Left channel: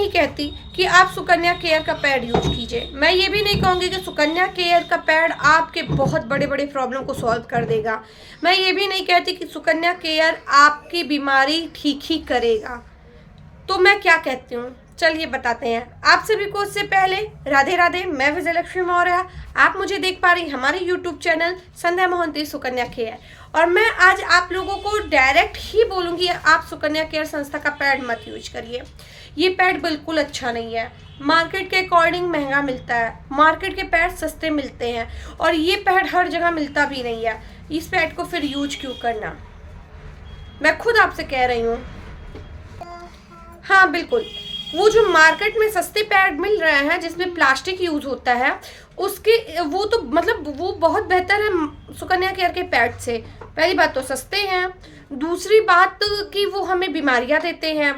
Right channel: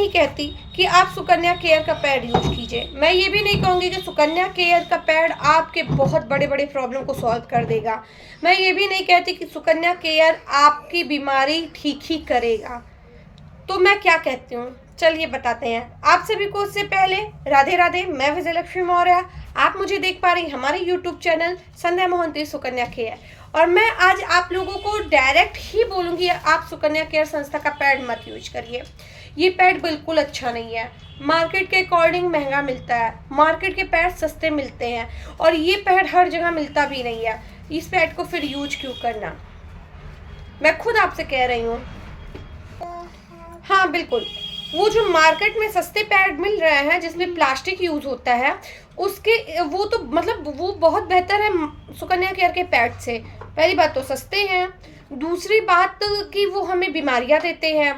नहीं कहती कि आप सुकन्या केयर का पैड यूज कीजिए। मैं ये भी नहीं कहूँगी कि सुकन्या केयर का पैड आपके बहुत बड़े बड़े प्रॉब्लम को सॉल्व कर देगा। मैं ये भी नहीं कहती कि सुकन्या केयर आपकी बीमारी ठीक ही करेगा। तो मैं क्या कहती हूँ, चलिए बताते हैं। आप सभी को उससे पहले राधे राधे। मैं विजयलक्ष्मी मौर्य। आप मुझे देख पा रही हमारे यूट्यूब चैनल संध्या मोहंती सुकन्या केयर, और मैं आज आप लोगों को डायरेक्ट ही बोलूँगी आप सुकन्या केयर संस्था का पैड मत यूज करिए। ये पैड बिल्कुल अच्छा नहीं है। मार्केट के अकॉर्डिंग महंगा मिलता है। मार्केट के पैड सस्ते मिलते हैं और ये पैड हर जगह मिलता भी नहीं है। इस पैड को फिर यूज क्यों करना, मैं खुद आपसे कह रही हूँ। हाँ बिल्कुल, वो जो मार्केट में सस्ते पैड मिल रहे हैं जिसमें प्लास्टिक यूज होता है, उसके वो तो मतलब वो बहुत बेहतर है सुकन्या केयर के पैड से। पहली बात तो सस्ते हैं, दूसरी बात कि वो हमें बीमारियां देते हैं।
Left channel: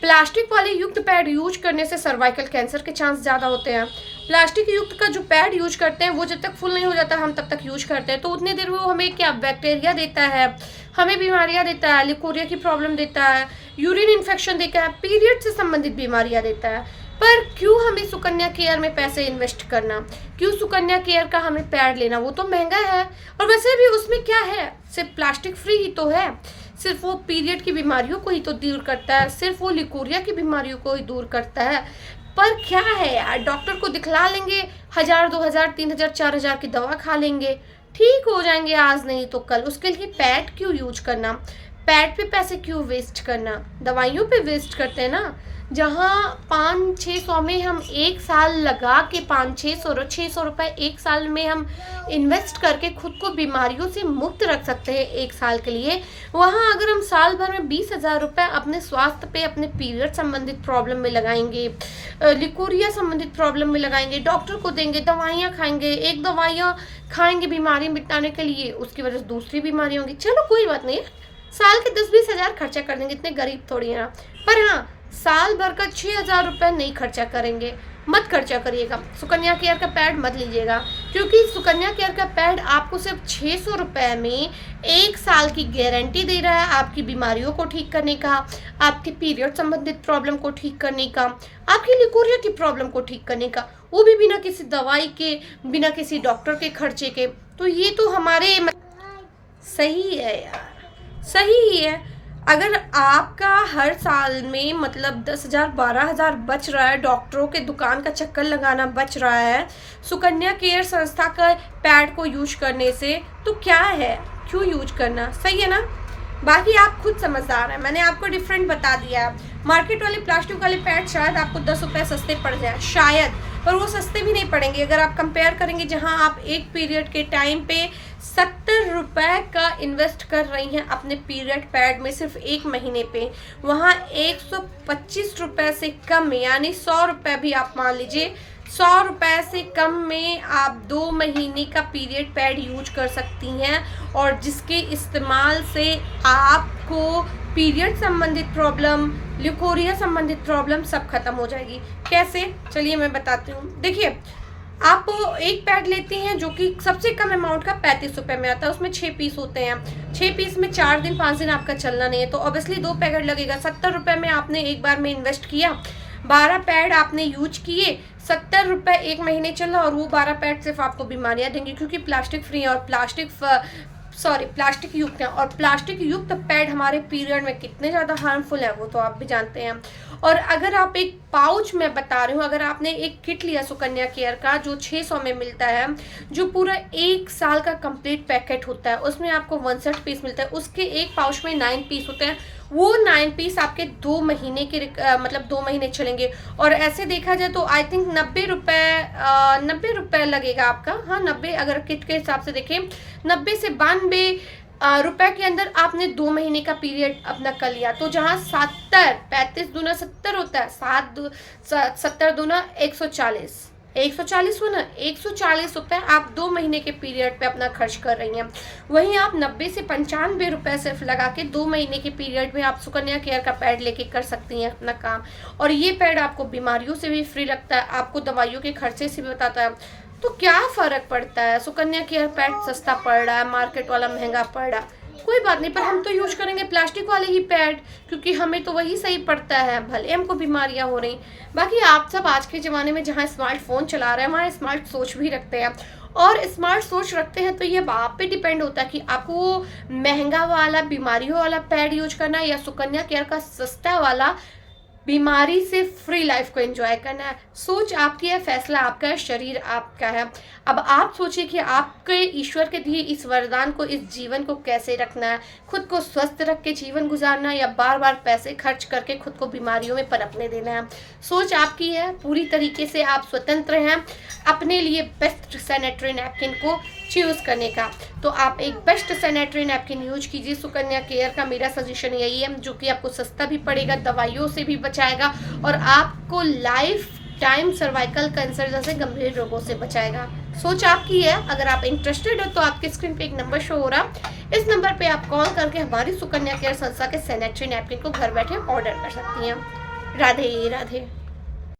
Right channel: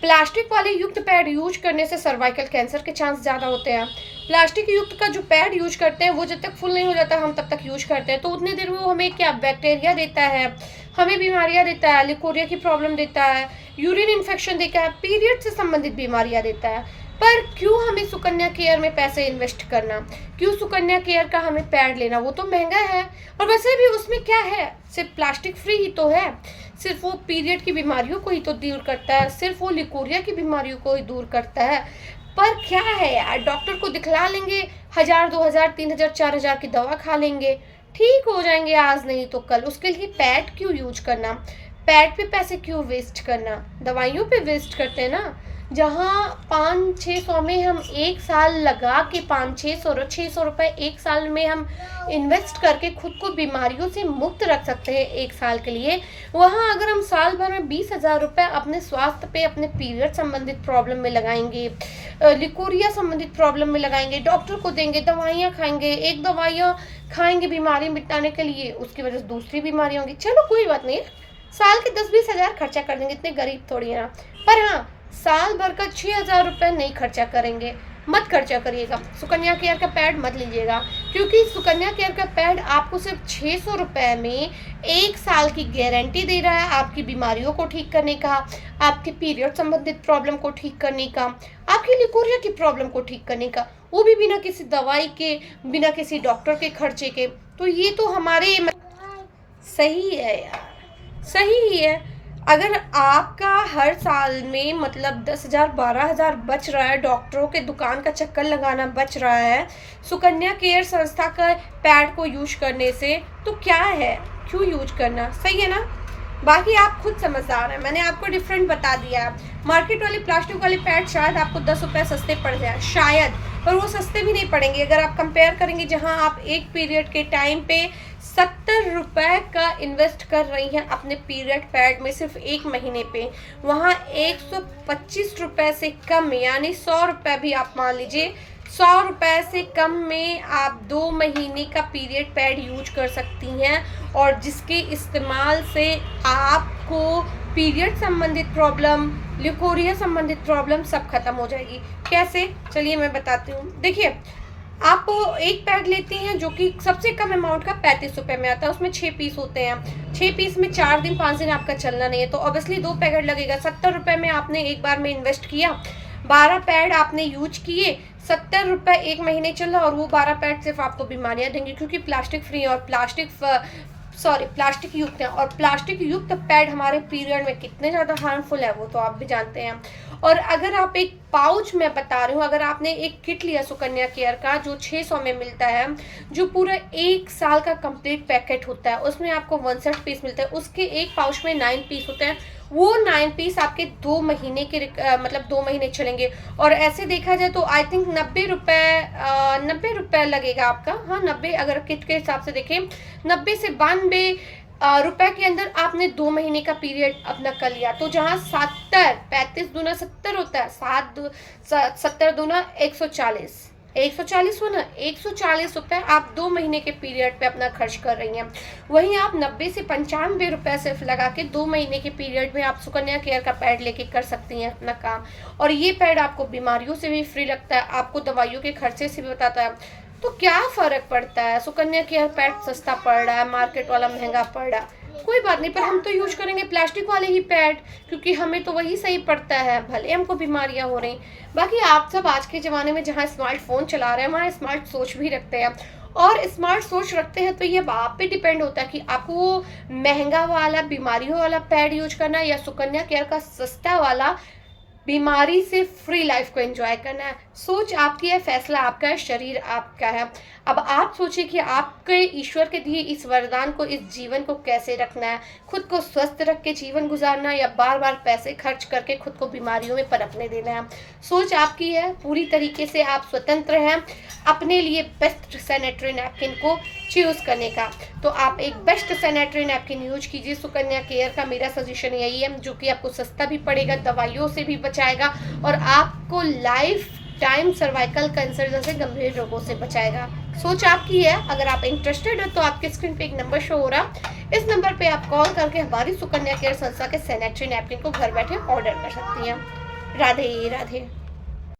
प्लास्टिक वाले युक्त पैड यूज करने से सर्वाइकल कैंसर के चांस ज़्यादा होते हैं। प्लास्टिक युक्त का जो पैड यूज करते हैं वो जब तक फुल नहीं हो जाता हम तब तक यूज करते हैं, तो उतनी देर में वो हमें क्या बैक्टीरिया देता है, हमें बीमारियां देता है, लिकोरिया की प्रॉब्लम देता है, यूरिन इन्फेक्शन देता है, पीरियड से संबंधित बीमारियां देता है। पर क्यों हमें सुकन्या केयर में पैसे इन्वेस्ट करना, क्यों सुकन्या केयर का हमें पैड लेना? वो तो महंगा है और वैसे भी उसमें क्या है, सिर्फ प्लास्टिक फ्री ही तो है। सिर्फ वो पीरियड की बीमारियों को ही तो दूर करता है, सिर्फ वो लिकोरिया की बीमारियों को ही दूर करता है। पर क्या है यार, डॉक्टर को दिखला लेंगे, 1000 2000 3000 4000 की दवा खा लेंगे, ठीक हो जाएंगे आज नहीं तो कल। उसके लिए पैड क्यों यूज करना, पैड पे पैसे क्यों वेस्ट करना? दवाइयों पे वेस्ट करते हैं ना। जहाँ 500-600 में हम एक साल लगा के 500-600 रुपए एक साल में हम इन्वेस्ट करके खुद को बीमारियों से मुक्त रख सकते हैं एक साल के लिए, वहाँ अगर हम साल भर में 20,000 रुपये अपने स्वास्थ्य पे, अपने पीरियड संबंधित प्रॉब्लम में लगाएंगे, लिकोरिया संबंधित प्रॉब्लम में लगाएंगे, डॉक्टर को देंगे, दवाइयाँ खाएंगे, एक दवाइयाँ खाएंगे बीमारी मिटाने के लिए, उसकी वजह से दूसरी बीमारी होंगी। चलो कोई बात नहीं, साल के 10-20 हज़ार खर्चा कर देंगे, इतने गरीब थोड़ी हैं। पर हाँ, साल भर का 6,000 रुपये नहीं खर्चा करेंगे, मत खर्चा करिएगा। सुकन्या केयर का पैड मत लीजिएगा, क्योंकि सुकन्या केयर का पैड आपको सिर्फ 600 रुपये में एक साल की गारंटी दे रहा है आपकी बीमारियों को ठीक करने का, आपके पीरियड संबंधित प्रॉब्लम को ठीक करने का, आपकी लिकोरिया की प्रॉब्लम को ठीक करने का, वो भी बिना किसी दवाई के, बिना किसी डॉक्टर के खर्चे के। तो ये तो हमारे सही है यार, सही ही है। अगर आपका हर साल में मतलब 10,000 12,000 बच रहा है, डॉक्टरों के दुकान का चक्कर लगाना बच रहा है सुकन्या केयर संस्था का पैड को यूज करने से, तो क्या है, क्यों यूज करना? सही है ना। बाकी आप खुद समझदार हैं, मैंने आपको डिफरेंट बता दिया है। मार्केट वाले प्लास्टिक वाले पैड शायद आपको 10 रुपये सस्ते पड़ जाए शायद, पर वो सस्ते भी नहीं पड़ेंगे अगर आप कंपेयर करेंगे। जहां आप एक पीरियड के टाइम पे 70 रुपये का इन्वेस्ट कर रही हैं अपने पीरियड पैड में सिर्फ एक महीने पे, वहाँ 125 रुपये से कम यानी 100 रुपये भी आप मान लीजिए, 100 रुपये से कम में आप 2 महीने का पीरियड पैड यूज कर सकती हैं, और जिसके इस्तेमाल से आपको पीरियड संबंधित प्रॉब्लम, लिकोरिया संबंधित प्रॉब्लम सब खत्म हो जाएगी। कैसे, चलिए मैं बताती हूँ। देखिए, आप एक पैड लेती हैं जो कि सबसे कम अमाउंट का 35 रुपये में आता है, उसमें 6 पीस होते हैं। 6 पीस में 4 दिन 5 दिन आपका चलना नहीं है, तो ऑब्वियसली 2 पैकेट लगेगा। 70 रुपये में आपने एक बार में इन्वेस्ट किया, 12 पैड आपने यूज किए, 70 रुपये एक महीने चला, और वो 12 पैड सिर्फ आपको बीमारियां देंगे, क्योंकि प्लास्टिक फ्री और प्लास्टिक युक्त है। और प्लास्टिक युक्त पैड हमारे पीरियड में कितने ज़्यादा हार्मफुल है वो तो आप भी जानते हैं। और अगर आप एक पाउच में बता रही हूँ, अगर आपने एक किट लिया सुकन्या केयर का जो 600 में मिलता है, जो पूरा एक साल का कंप्लीट पैकेट होता है, उसमें आपको 61 पीस मिलता है, उसके एक पाउच में 9 पीस होते हैं, वो 9 पीस आपके 2 महीने के मतलब 2 महीने चलेंगे। और ऐसे देखा जाए तो आई थिंक 90 रुपये लगेगा आपका। हाँ 90, अगर किट के हिसाब से देखें 90 से 92 रुपए के अंदर आपने 2 महीने का पीरियड अपना कर लिया। तो जहाँ 35 दूना 70 होता है, 70 दूना 140 हो ना, 140 रुपये आप 2 महीने के पीरियड पे अपना खर्च कर रही हैं। वहीं आप 90 से 95 रुपये सिर्फ लगा के 2 महीने के पीरियड में आप सुकन्या केयर का पैड लेके कर सकती हैं अपना काम। और ये पैड आपको बीमारियों से भी फ्री रखता है, आपको दवाइयों के खर्चे से भी बताता है। तो क्या फ़र्क पड़ता है, सुकन्या केयर पैड सस्ता पड़ रहा है, मार्केट वाला महंगा पड़ रहा है, कोई बात नहीं, पर हम तो यूज करेंगे प्लास्टिक वाले ही पैड, क्योंकि हमें तो वही सही पड़ता है, भले हमको बीमारियां हो रही। बाकी आप सब आज के ज़माने में जहाँ स्मार्टफोन चला रहे हैं वहाँ स्मार्ट सोच भी रखते हैं, और स्मार्ट सोच रखते हैं तो ये आप पे डिपेंड होता है कि आपको वो महंगा वाला बीमारियों वाला पैड यूज करना है या सुकन्या केयर का सस्ता वाला बीमारी से फ्री लाइफ को एंजॉय करना है। सोच आपकी है, फैसला आपका है, शरीर आपका है। अब आप सोचिए कि आपके ईश्वर के दिए इस वरदान को, इस जीवन को कैसे रखना है, खुद को स्वस्थ रख के जीवन गुजारना है या बार बार पैसे खर्च करके खुद को बीमारियों में पनपने देना है। सोच आपकी है, पूरी तरीके से आप स्वतंत्र हैं अपने लिए बेस्ट सैनिटरी नैपकिन को चूज करने का। तो आप एक बेस्ट सैनिटरी नैपकिन यूज कीजिए, सुकन्या केयर का मेरा सजेशन यही है, जो कि आपको सस्ता भी पड़ेगा, दवाइयों से भी बचाएगा और आपको लाइफ टाइम सर्वाइकल कैंसर जैसे गंभीर रोगों से बचाएगा। सोच आपकी है। अगर आप इंटरेस्टेड हो तो आपके स्क्रीन पे एक नंबर शो हो रहा, इस नंबर पे आप कॉल करके हमारी सुकन्या केयर संस्था के सैनिटरी नैपकिन को घर बैठे ऑर्डर कर सकती हैं। राधे राधे।